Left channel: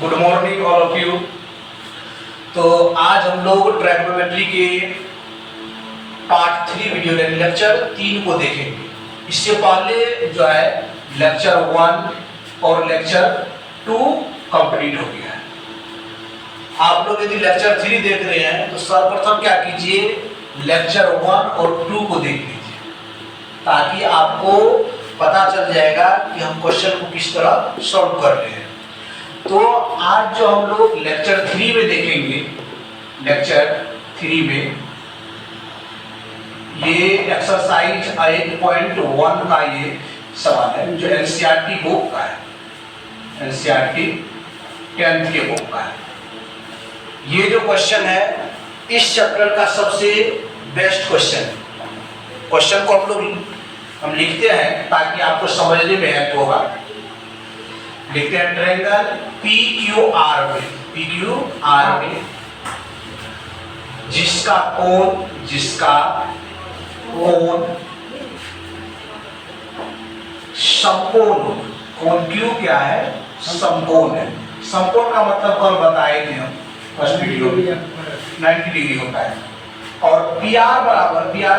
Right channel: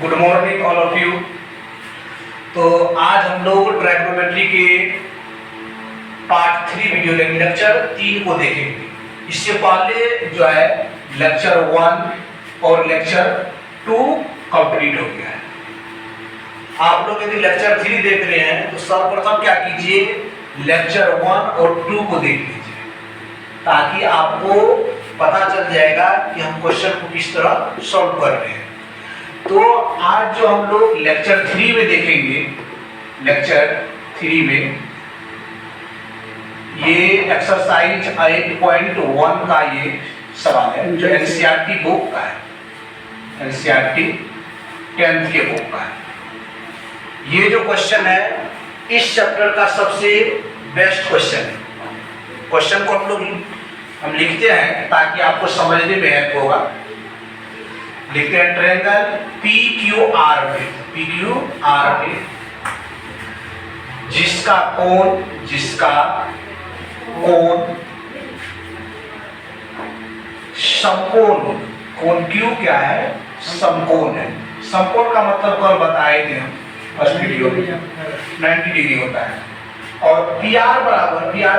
Good morning all of you. तो आज हम लोग ट्राइगोनोमेट्री के पार्ट 3 वीडियो लेक्चर 3 को देखेंगे। इससे पहले जो है लेक्चर 1 और लेक्चर 2 कंप्लीट हो गया है। आप लोग यदि लेक्चर 3 देख रहे हैं तो सर्वप्रथम क्या कीजिए, लेक्चर 1 और 2 को देख लीजिए, ताकि आपको पता चल जाएगा कि हम क्वेश्चन को किस तरह सॉल्व कर रहे हैं। तो आज जो हम लोग लेक्चर 3 में देखेंगे, लेक्चर 3 में ये एक्सरसाइज 8.1 का ये सवाल है जो एनसीईआरटी बुक का है, एनसीईआरटी 10th के बुक का है। ये जो क्वेश्चन है इस चैप्टर का सबसे बेस्ट क्वेश्चन है। क्वेश्चन को हम लिखते हैं ताकि आपको समझने में हेल्प होगा। लिखते हैं ट्रायंगल PQR में जिसका कोण समकोण, कोण Q क्या है, समकोण है। समकोण का मतलब कल बताए थे हम फर्स्ट वीडियो में 90 डिग्री होता है। और PR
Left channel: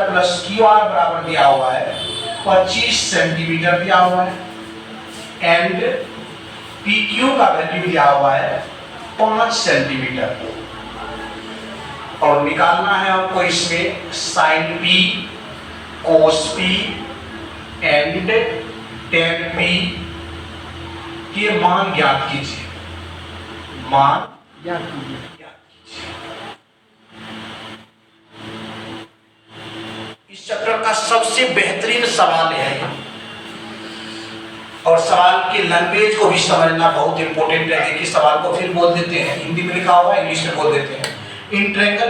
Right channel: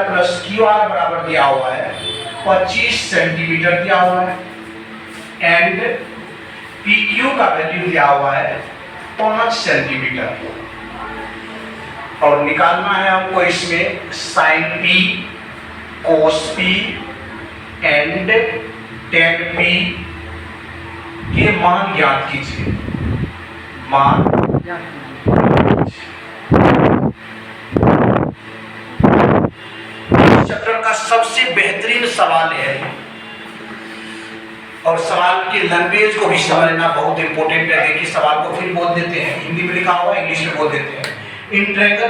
प्लस QR बराबर दिया हुआ है 25 सेंटीमीटर दिया हुआ है एंड PQ का वैल्यू दिया हुआ है 5 सेंटीमीटर। और निकालना है हमको इसमें sine P, cos P and ten P के मान ज्ञात कीजिए, मान चैप्टर का सबसे बेहतरीन सवाल है और सवाल की लैंग्वेज को भी समझना बहुत इंपॉर्टेंट है। देखिए सवाल को फिर बोल देते हैं, हिंदी में लिखा हुआ है, इंग्लिश में बोल देते हैं। इन ट्रायंगल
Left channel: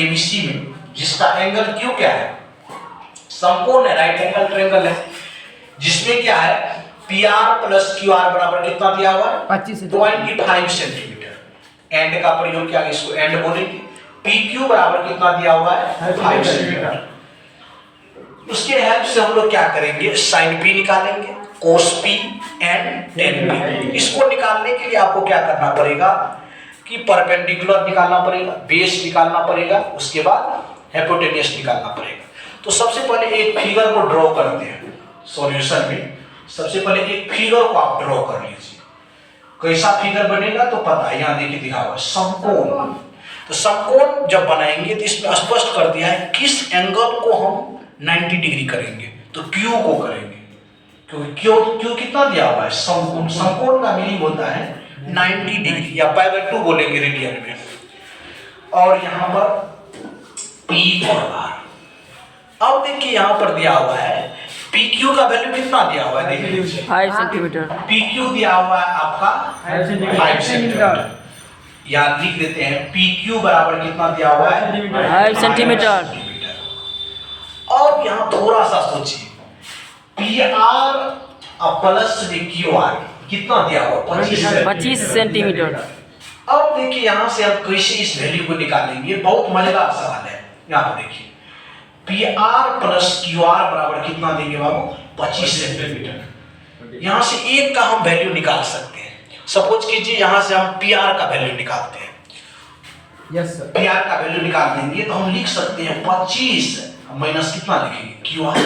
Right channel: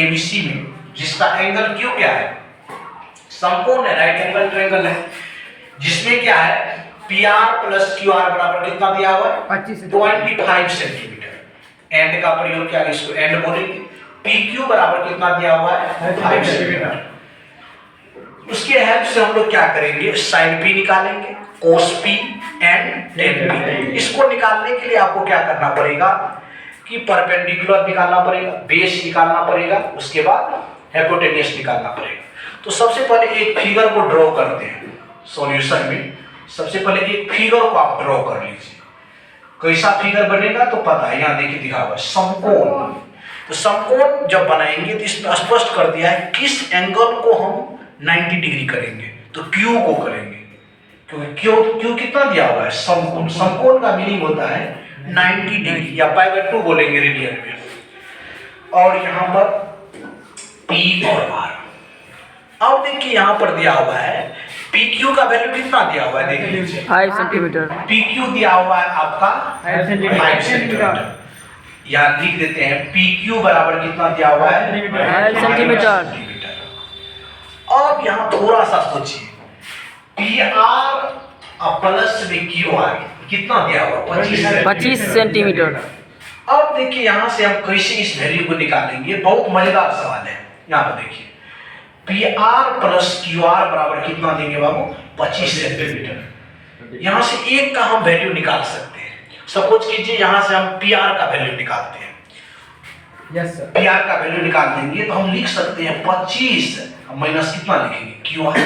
ABC में जिसका एंगल Q क्या है, समकोण है, राइट एंगल ट्रायंगल है, जिसमें क्या है PR प्लस QR बराबर कितना दिया हुआ है 25 सेंटीमीटर। एंड का प्रयोग क्या है, इसको एंड बोलेंगे। PQ बराबर कितना दिया हुआ है 5 सेंटीमीटर। उसके हेल्प से हम लोग क्या करेंगे, साइन P निकालेंगे, कोस P एंड टेन P। इसको निकालने के लिए आपको क्या करना पड़ेगा कि परपेंडिकुलर निकालना पड़ेगा, बेस निकालना पड़ेगा, उसके बाद हाइपोटेन्यूज निकालना पड़ेगा। तो सबसे पहले एक फिगर को ड्रॉ करते हैं सॉल्यूशन में। सबसे पहले एक फिगर को आप ड्रॉ कर लीजिए। कैसा फिगर बनेगा तो पता है, यहाँ देखिए दिखा हुआ है समकोण। तो समकोण जब बनाएंगे तो इसमें स्पष्ट कर दिया है किस एंगल को हम 90 डिग्री करेंगे, तो Q को करेंगे, क्योंकि Q कितना दिया हुआ है, समकोण। समकोण का मीनिंग होता है 90 डिग्री या π/2 बोलेंगे रेडियन में। और यहाँ पर P और R। अब देखिए यहाँ पर दिया हुआ है PQ का वैल्यू कितना दिया हुआ है, देख लीजिए 5 सेंटीमीटर। PQ दिया हुआ है आपका 5 सेंटीमीटर। यहाँ लिख देते हैं PQ बराबर कितना दिया हुआ है 5 सेंटीमीटर। अब यहाँ थोड़ा सा सोचिए, PR प्लस में QR कितना दिया हुआ 25 सेंटीमीटर। अब देखिए यहाँ से हम कैसे इस वैल्यू को निकालेंगे, बहुत मजेदार सवाल है। यहाँ पर देखिए PR प्लस QR बराबर कितना देंगे बाबू 25 सेंटीमीटर। यहाँ से एक का हम वैल्यू निकाल सकते हैं। सपोज कीजिए यहाँ से हम PR का वैल्यू निकालते हैं। Yes sir. PR का वैल्यू निकाल देंगे तो हम लिख सकते हैं 25 माइनस कितना लिखेंगे QR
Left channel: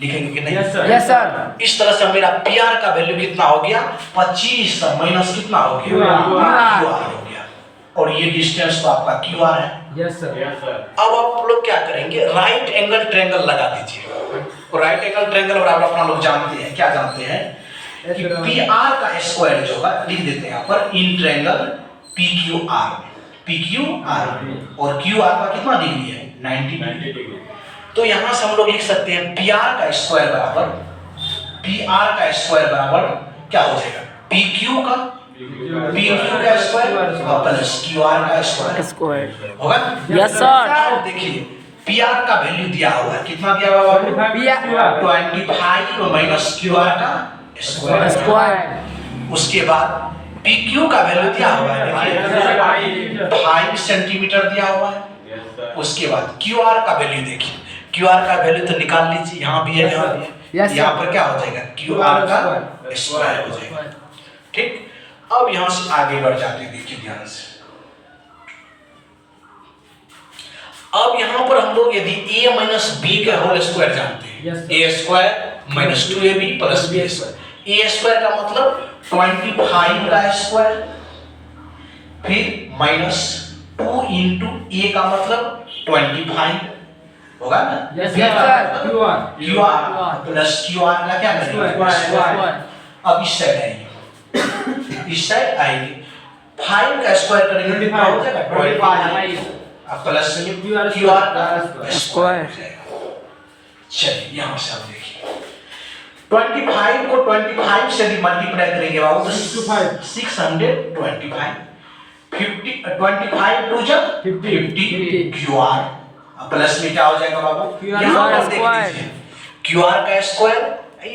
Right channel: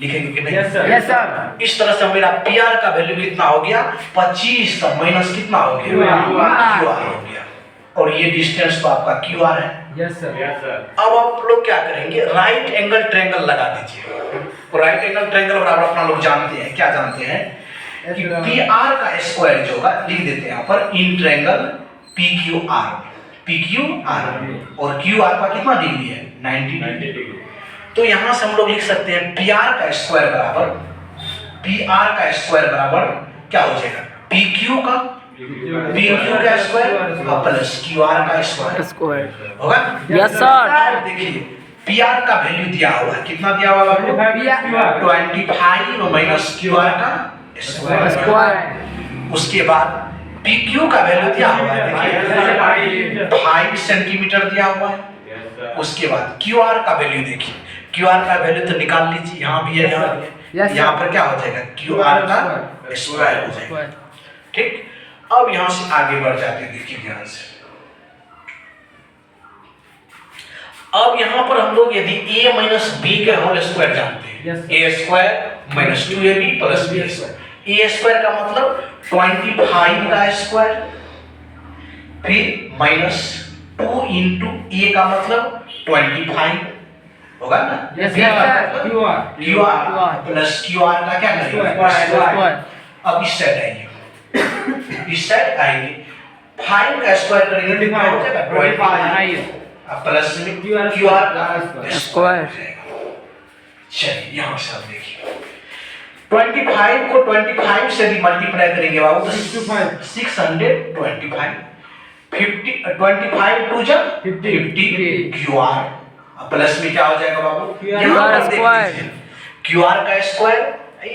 लिखेंगे कि नहीं? Yes sir. इस तरह से मेरा PR का वैल्यू कितना हो गया 25 माइनस कितना हो गया QR हो गया। और ये डिस्टेंस तो आपका QR है। Yes sir. अब आप लोग क्या करेंगे, राइट एंगल ट्रायंगल लगा दीजिए। और राइट एंगल ट्रायंगल बराबर अपना लोग जानते हैं, क्या जानते हैं कि PR का स्क्वायर जो होगा, लिख देते हैं यहाँ पर इन ट्रायंगल PQR और QR का कितना डिग्री है 90 डिग्री। तो यहाँ से हम लोग लिख सकते हैं PR का स्क्वायर बराबर क्या हो जाएगा PQ का स्क्वायर प्लस QR का स्क्वायर होगा। Yes sir. देखिए PR का वैल्यू दिया हुआ है, कितना दिया हुआ है 25 माइनस QR का स्क्वायर। उसके बाद PQ का वैल्यू दिया हुआ है 5 सेंटीमीटर दिया हुआ है। उसके बाद QR का वैल्यू देखिए, QR का वैल्यू तो निकाल लीजिए, यहाँ भी है यहाँ भी है। यहाँ पर क्या हो जाएगा QR का स्क्वायर हो जाएगा। ठीक, अब यहां से आगे बढ़ जाते हैं, देखिए ध्यान से। अब यहां पर हम लोग यदि a माइनस बी का होल स्क्वायर जानते हैं, a square minus 2ab plus b square. a square का मतलब 25 का स्क्वायर, फिर माइनस 2 इंटू a का मतलब 25 होगा ना, Yes, b sir. का मतलब QR. QR प्लस QR का क्या करेंगे, Square. अब इस साइड आइए, इस साइड आइए, 5 का स्क्वायर करेंगे तो कितना हो जाएगा 25, अब प्लस में QR का स्क्वायर। चलिए यहां से आप देखिए 25 को 25 से भी मल्टीप्लाई करेंगे बाबू तो 625, 50 25 टू जब 50 QR, अब प्लस में क्या हो जाएगा बाबू, यहाँ पर स्क्वायर। QR का स्क्वायर,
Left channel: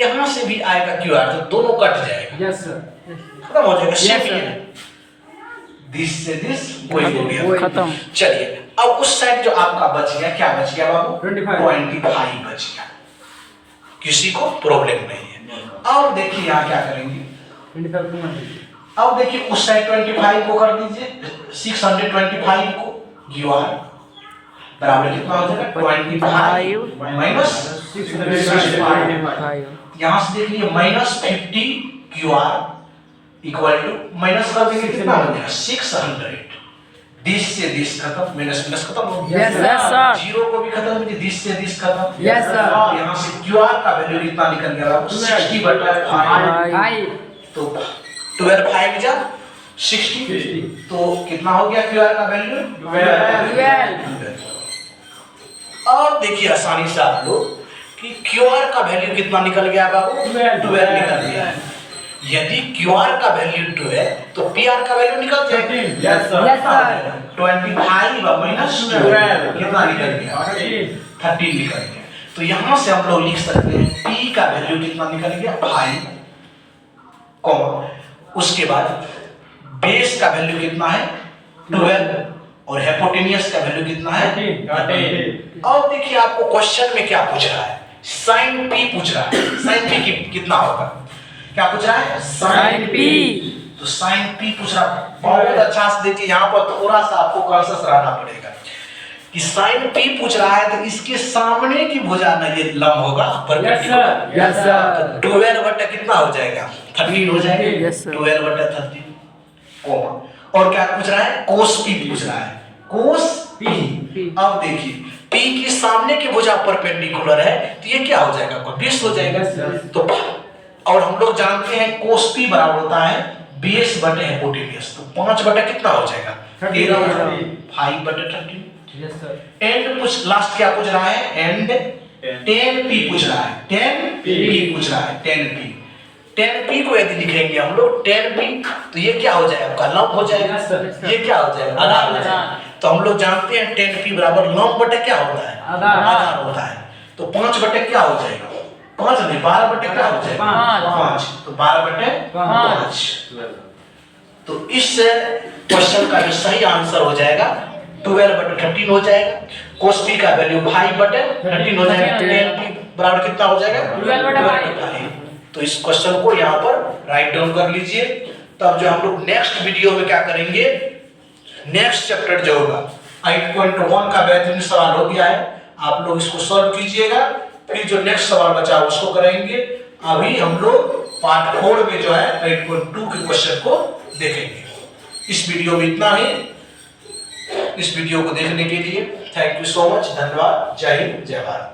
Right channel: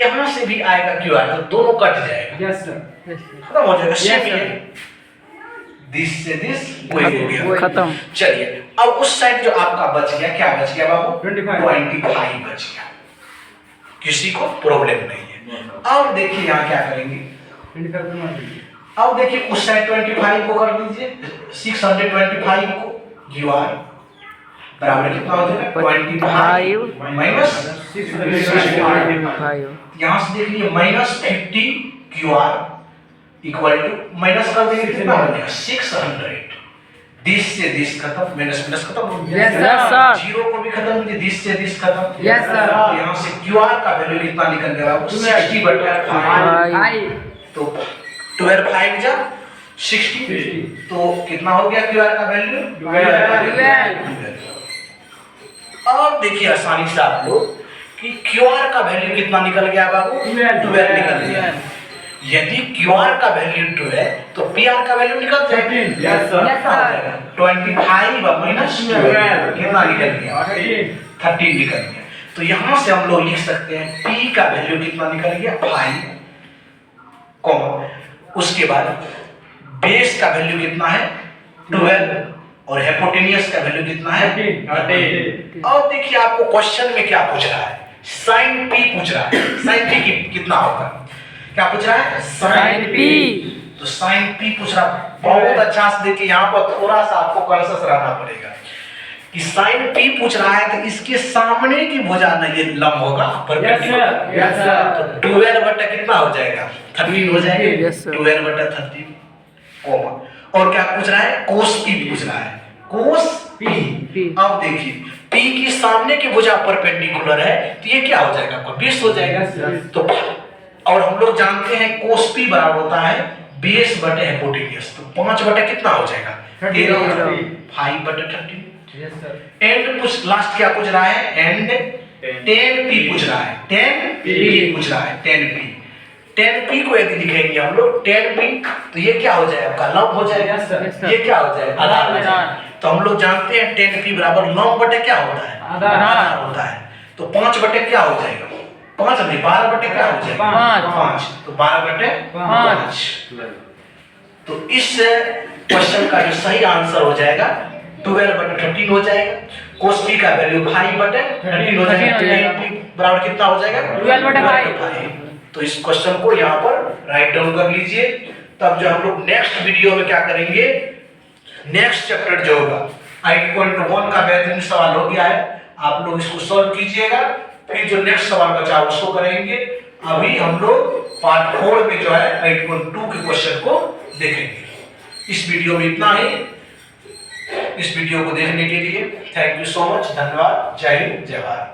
यहाँ से भी आएगा QR, तो दोनों कट जाएगा, Yes, sir. खत्म हो जाएगा, Yes, सेम sir. ये दिस से दिस वही हो गया, खत्म। चलिए अब उस साइड जो आपका बच गया, क्या बच गया बाबू, 25 बच गया, किसी को प्रॉब्लम नहीं है। अब देखिए यहाँ क्या करेंगे, 25 को मार दीजिए। अब देखिए उस साइड 25 को कर दीजिए, 625 को QR बराबर कितना हो जाएगा 25 माइनस 5। यहाँ से देखिए minus 50 QR equal to minus कर देंगे कितना हो जाएगा 600, दिस से दिस खत्म, माइनस माइनस खत्म हो गया, Yes, Yes, sir. जीरो को भी खत्म कीजिए, दिस से दिस खत्म, Yes, sir. यहाँ से QR का वैल्यू कितना निकल गया बाबू 60/5, भाई तो 12 जा 60, तो कितना हो गया QR का वैल्यू 12। और देखिए आसानी से आप लोग कि QR का वैल्यू कितना निकल गया बाबू 12 निकल गया, यदि QR का वैल्यू 12 तो PR का वैल्यू निकल जाएगा 13. Yes, sir. कितना हो जाएगा 25 माइनस 12 कितना निकल गया 13 निकल गया, तो यहाँ से हम लोग लिख सकते हैं P का वैल्यू कितना निकल गया 5, कॉमा उसके बाद बेस का वैल्यू कितना है 12 और हाइपोटेनियस का वैल्यू कितना है 13. अब देखिए आपको क्वेश्चन में क्या पूछ रहा है, साइन P पूछ रहा है, साइन P कितना होगा, क्या पूछ रहा है साइन P। तो साइन P पूछ रहा है, बहुत अच्छा से देखिए यहाँ पर थोड़ा सा आपको कॉन्शियस रहना पड़ेगा कि साइन P पूछ रहा है तो इसके सामने की भुजा ना ये लंब होगा Yes, sir. Yes, sir. तो 12 बटा कितना हो जाएगा 13 हो जाएगा, Yes, sir. 12 बटा 13 कोमा, और क्या पूछ रहा है कोस P पूछ रहा है, कोस P। अब देखिए P की सामने की भुजा परपेंडिकुलर है तो ये क्या हो जाएगा आपका 20 हो जाएगा, Yes, sir. तो और हम लोग जानते हैं कोस P बराबर होता है बेस बटे हाइपोटेनियस, तो 5 बटा कितना हो जाएगा 13, 5 बटे 13। Yes, sir. एंड पूछ लास्ट क्या पूछ रहा है, एंड 10P पूछ रहा है, 10P पूछ रहा है, 10P को यदि लिखेंगे हम लोग 10P तो ये क्या हो जाएगा आपका लंब हो जाएगा, Yes, sir. ये क्या हो जाएगा आधार हो जाएगा, तो हम लोग जानते हैं 10P बराबर लंब बटे क्या होता है आधार होता है, तो 5 बटे क्या हो जाएगा 5 नहीं 12 बटे क्या हो जाएगा 5, तो 12 बटे 5, तो इस क्वेश्चन का जो सही आंसर हो जाएगा 12 बटे 13 हो जाएगा, cos P का वैल्यू 5 बटे 13 हो जाएगा, 10P बराबर कितना हो जाएगा 12 बटे 5। तो इस क्वेश्चन को यहाँ पर राइट डाउन कर लीजिए। तब जो हम लोग नेक्स्ट वीडियो में क्या करेंगे, नेक्स्ट चैप्टर जो होगा 8.1 का बेहतरीन सवाल हो गया है, आप लोग इसको सॉल्व कीजिएगा, फिर जो नेक्स्ट सवाल बचा उसको करेंगे। अभी हम लोग पार्ट 4 में जो है 8.2 के क्वेश्चन को देखेंगे। इस वीडियो में इतना ही। इस वीडियो को देखने के लिए थैंक यू सो मच, धन्यवाद, जय हिंद, जय भारत।